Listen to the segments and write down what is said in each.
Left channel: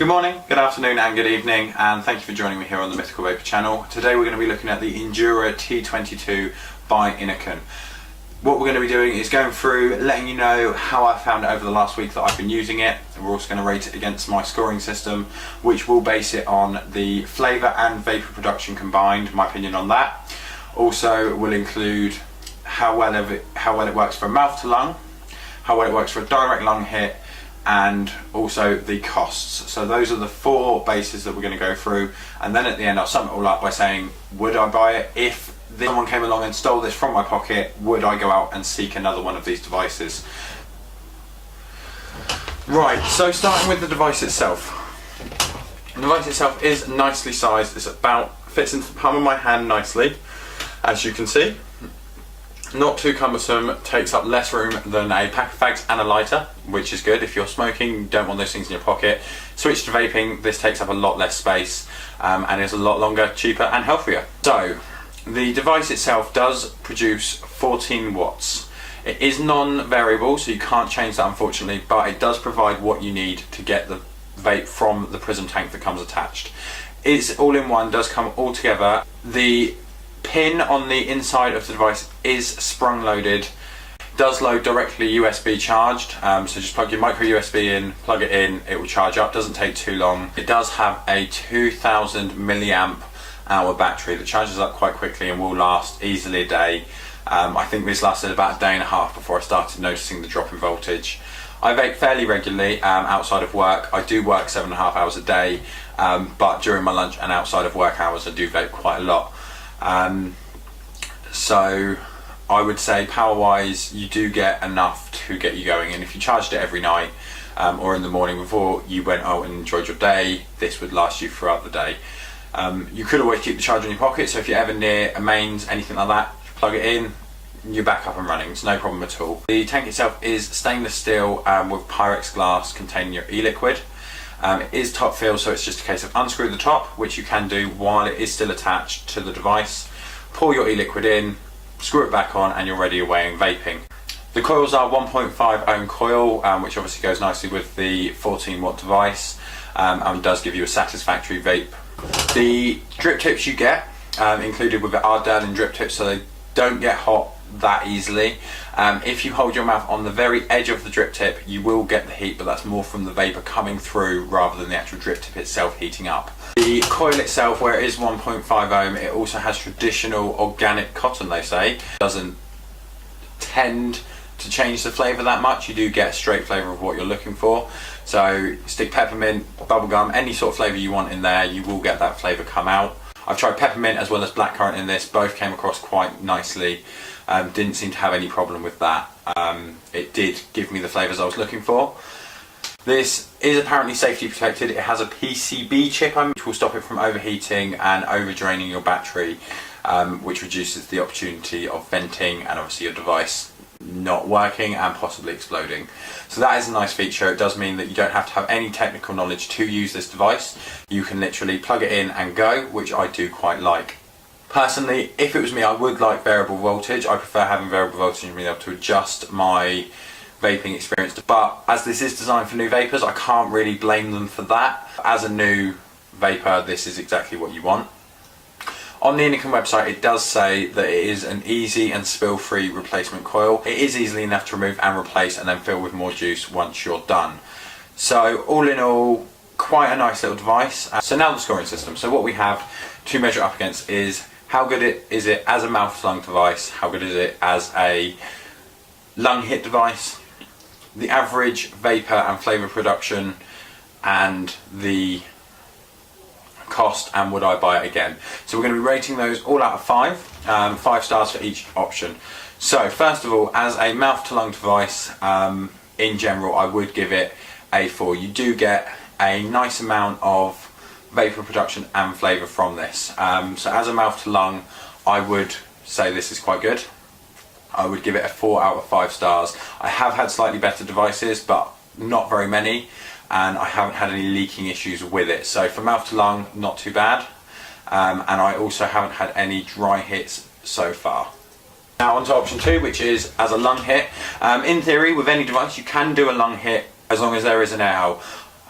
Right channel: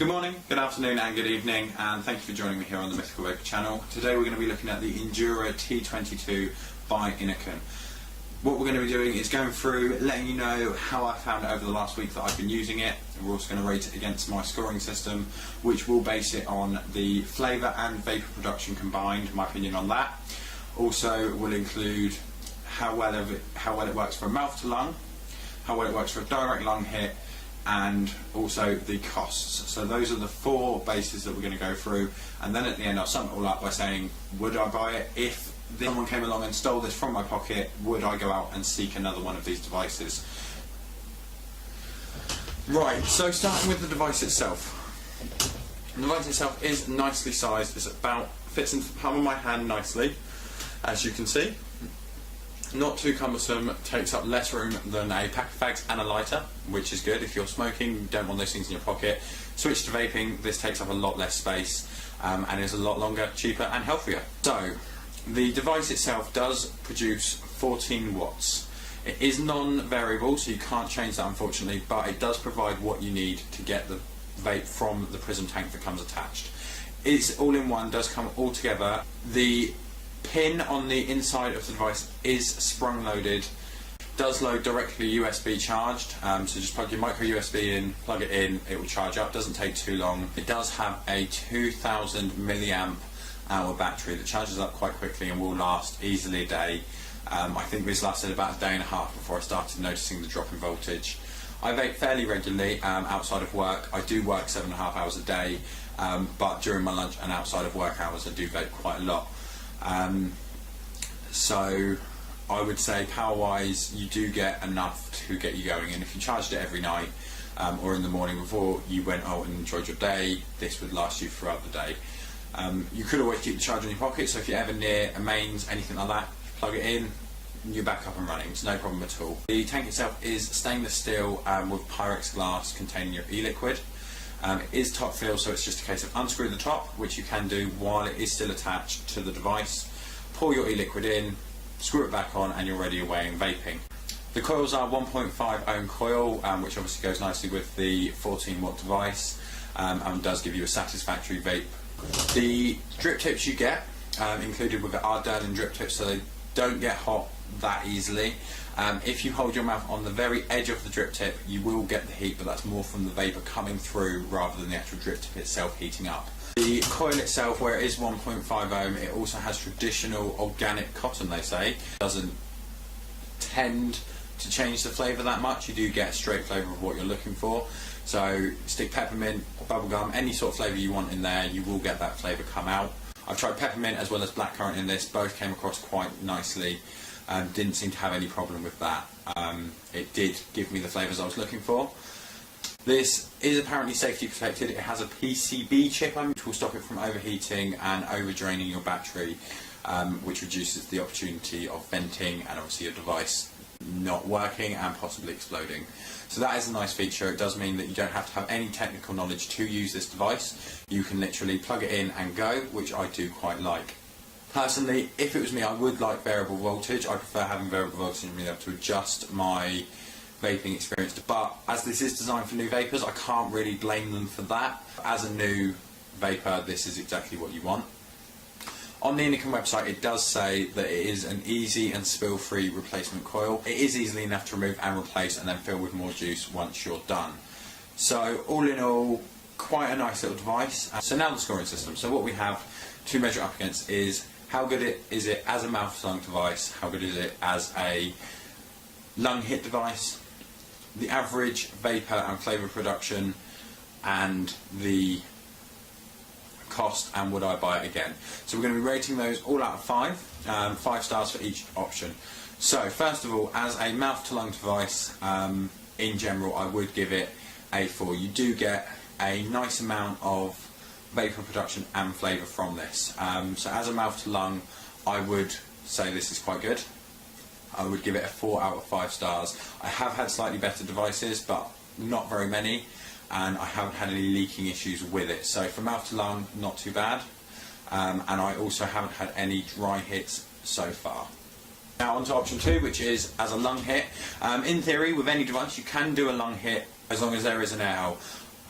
Good morning, good afternoon and good evening, and thank you for joining me here on the Mythical Vaper channel. Today we're going to be looking at the Endura T22 by Innokin. What we're going to be doing is going through, letting you know how I found it over the last week that I've been using it. And we're also going to rate it against my scoring system, which will base it on the flavour and vapour production combined, my opinion on that. Also will include how well it works for mouth to lung, how well it works for a direct lung hit, and also the costs. So those are the four bases that we're going to go through, and then at the end I'll sum it all up by saying, would I buy it? If someone came along and stole this from my pocket, would I go out and seek another one of these devices? Right, so starting with the device itself. The device itself is nicely sized. It's fits into the palm of my hand nicely, as you can see. Not too cumbersome, takes up less room than a pack of fags and a lighter, which is good. If you're smoking, you don't want those things in your pocket. Switch to vaping, this takes up a lot less space and is a lot longer, cheaper and healthier. So, the device itself does produce 14 watts. It is non-variable, so you can't change that unfortunately, but it does provide what you need to get the vape from the prism tank that comes attached. It's all in one, does come all together. The pin on the inside of the device is sprung loaded, does load directly USB charged, so just plug your micro USB in, plug it in, it will charge up, doesn't take too long. It does have a 2000 milliamp hour battery that charges up quite quickly and will last easily a day. I think this lasted about a day and a half before I started noticing the drop in voltage. I vape fairly regularly outside of work. I do work 7.5 hours a day, but during my lunch and outside of work hours I do vape quite a lot. So I would say power wise you do get enough to get you going, and if you charged it every night or in the morning before you went out and enjoyed your day, this would last you throughout the day. You could always keep the charger in your pocket, so if you're ever near a mains, anything like that, plug it in, you're back up and running, it's no problem at all. The tank itself is stainless steel with Pyrex glass containing your e-liquid. It is top fill, so it's just a case of unscrew the top, which you can do while it is still attached to the device. Pour your e-liquid in, screw it back on, and you're ready away and vaping. The coils are 1.5 ohm coil, which obviously goes nicely with the 14 watt device and does give you a satisfactory vape. The drip tips you get included with it are Derlin drip tips, so they don't get hot that easily. If you hold your mouth on the very edge of the drip tip, you will get the heat, but that's more from the vapor coming through rather than the actual drip tip itself heating up. The coil itself, where it is 1.5 ohm, it also has traditional organic cotton, they say. It doesn't tend to change the flavour that much. You do get a straight flavour of what you're looking for. So stick peppermint, bubblegum, any sort of flavour you want in there, you will get that flavour come out. I've tried peppermint as well as blackcurrant in this, both came across quite nicely. Didn't seem to have any problem with that. It did give me the flavours I was looking for. This is apparently safety protected. It has a PCB chip which will stop it from overheating and over draining your battery, which reduces the opportunity of venting and obviously your device not working and possibly exploding. So that is a nice feature. It does mean that you don't have to have any technical knowledge to use this device. You can literally plug it in and go, which I do quite like. Personally, if it was me, I would like variable voltage. I prefer having variable voltage and being able to adjust my vaping experience. But as this is designed for new vapors, I can't really blame them for that. As a new vapor, this is exactly what you want. On the Innokin website, it does say that it is an easy and spill-free replacement coil. It is easily enough to remove and replace and then fill with more juice once you're done. So all in all, quite a nice little device. So now the scoring system. So what we have to measure up against is how good is it as a mouth-to-lung device, how good is it as a lung hit device, the average vapour and flavour production, and the cost, and would I buy it again. So we're going to be rating those all out of 5, 5 stars for each option. So first of all, as a mouth to lung device, in general I would give it a 4. You do get a nice amount of vapour production and flavour from this. So as a mouth to lung, I would say this is quite good. I would give it a 4 out of 5 stars. I have had slightly better devices, but not very many, and I haven't had any leaking issues with it. So for mouth to lung, not too bad. And I also haven't had any dry hits so far. Now on to option 2, which is as a lung hit. In theory, with any device, you can do a lung hit as long as there is an air hole.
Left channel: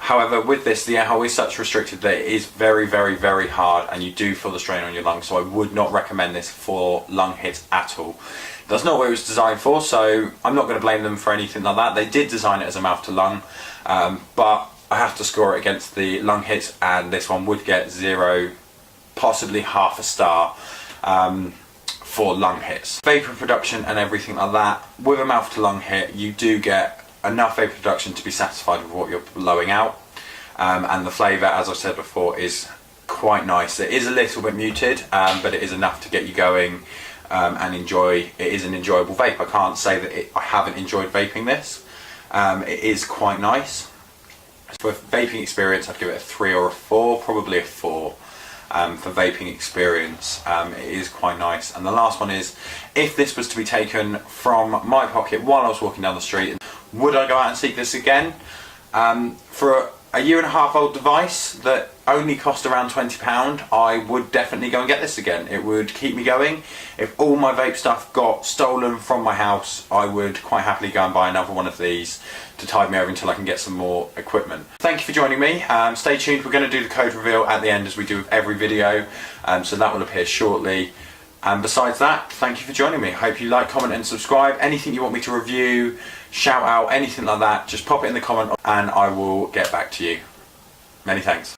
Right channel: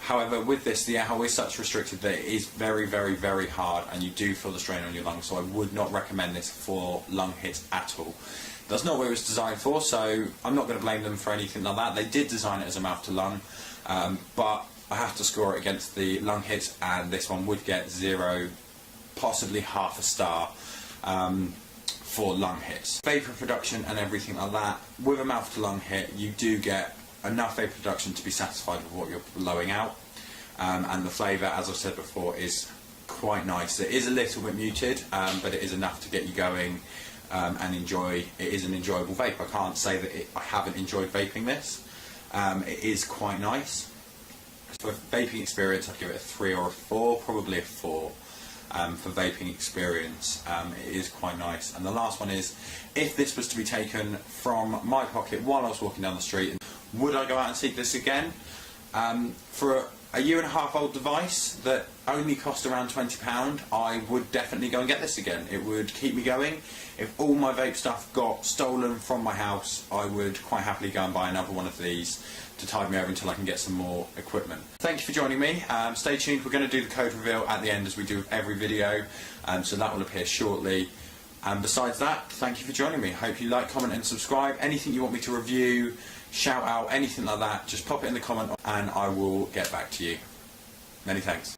However, with this, the air hole is such restricted that it is very, very, very hard, and you do feel the strain on your lungs, so I would not recommend this for lung hits at all. That's not what it was designed for, so I'm not going to blame them for anything like that. They did design it as a mouth to lung, but I have to score it against the lung hits, and this one would get 0, possibly half a star for lung hits. Vapor production and everything like that, with a mouth to lung hit, you do get enough vapor production to be satisfied with what you're blowing out, and the flavour, as I've said before, is quite nice. It is a little bit muted, but it is enough to get you going and enjoy. It is an enjoyable vape. I can't say that I haven't enjoyed vaping this. It is quite nice. For vaping experience, I'd give it a 3 or a 4, probably a 4. For vaping experience, it is quite nice. And the last one is, if this was to be taken from my pocket while I was walking down the street, would I go out and seek this again? For a 1.5 year old device that only cost around £20, I would definitely go and get this again. It would keep me going. If all my vape stuff got stolen from my house, I would quite happily go and buy another one of these to tide me over until I can get some more equipment. Thank you for joining me. Stay tuned, we're going to do the code reveal at the end as we do with every video, so that will appear shortly. And besides that, thank you for joining me. Hope you like, comment and subscribe. Anything you want me to review, shout out, anything like that, just pop it in the comment and I will get back to you. Many thanks.